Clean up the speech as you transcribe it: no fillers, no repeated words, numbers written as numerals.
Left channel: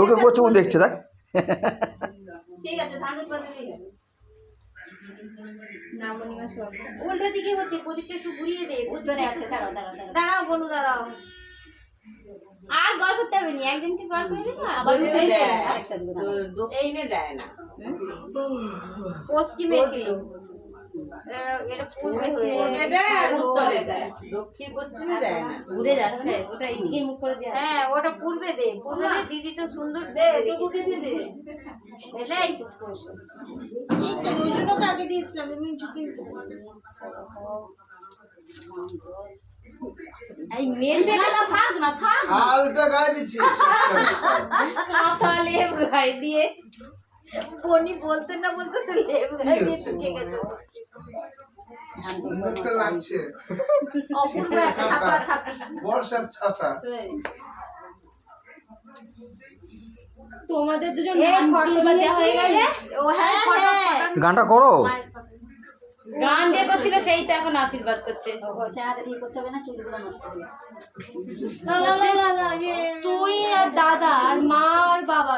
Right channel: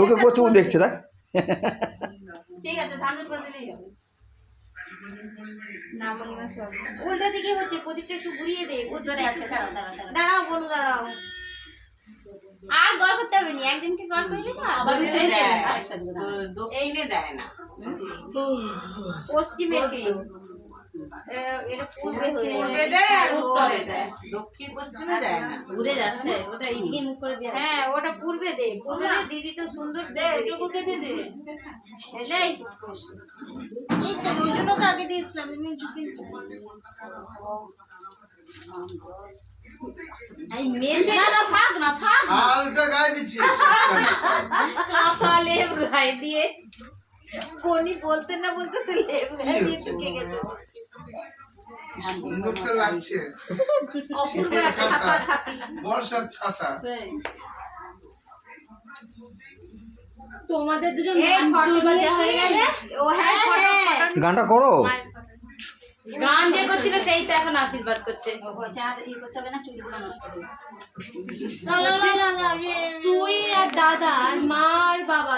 ওকে করছে, ও দেখছে দেখ। ঠিক আছে, ধানের বদলেই হবে। না মনিমা সব উল্টা দিকে হচ্ছে, প্রদীপটা একটু ঘুরিয়ে দে। উত্তরে আছে, দাঁড়াও দাঁড়াও দাঁড়াও, দাঁড়াও বনু দাঁড়াও। আর গড় করতে হবে না, একজনকে গড় করলে না আবার দুটো এই যে, দেয়। আরেকটা দিকে দাঁড়াও। দক্ষিণে দেয় না, পশ্চিমে দিল, এটা পূর্বে হয়ে পূর্বে দেয় আর উত্তরে দেয়, দক্ষিণ পশ্চিমে দেয় না। ঘুরে যাচ্ছে ওটা এইদিকে মুখ করে দেয়। হ্যাঁ, ওটা পূর্বে দে, পূর্বে দে। দিদি তো সুন্দর দে, এটুকুকে দিদি এটাই এই তো দুজনকে আগে দিয়েছিলাম, আমি ঝুঁকি এই মেশে না থাক না, থাক না। আলটা গায়ে দিচ্ছি। কাঁথালে গায়ে দিয়ে বনি বলতে না বলতে সে লেপ গায়ে দিয়ে ঢুকে গেছে। সুন্দরটা লাগছে। অপূর্ব একটা ছাপা ছাপি। বর্ষার ছাতা। তোমাদের দুজন এই ফটো দুর্বাজা হয়ে গেলে ও হ্যাঁ হ্যাঁ, গানটা করো। গান যে করছিল সেই তো এখন আশীর্বাদ করছে। ও বলছে আর এই করতে হবে না, চুলগুলো নষ্ট হবে। তুই আর দাদা আর মা আর বাবা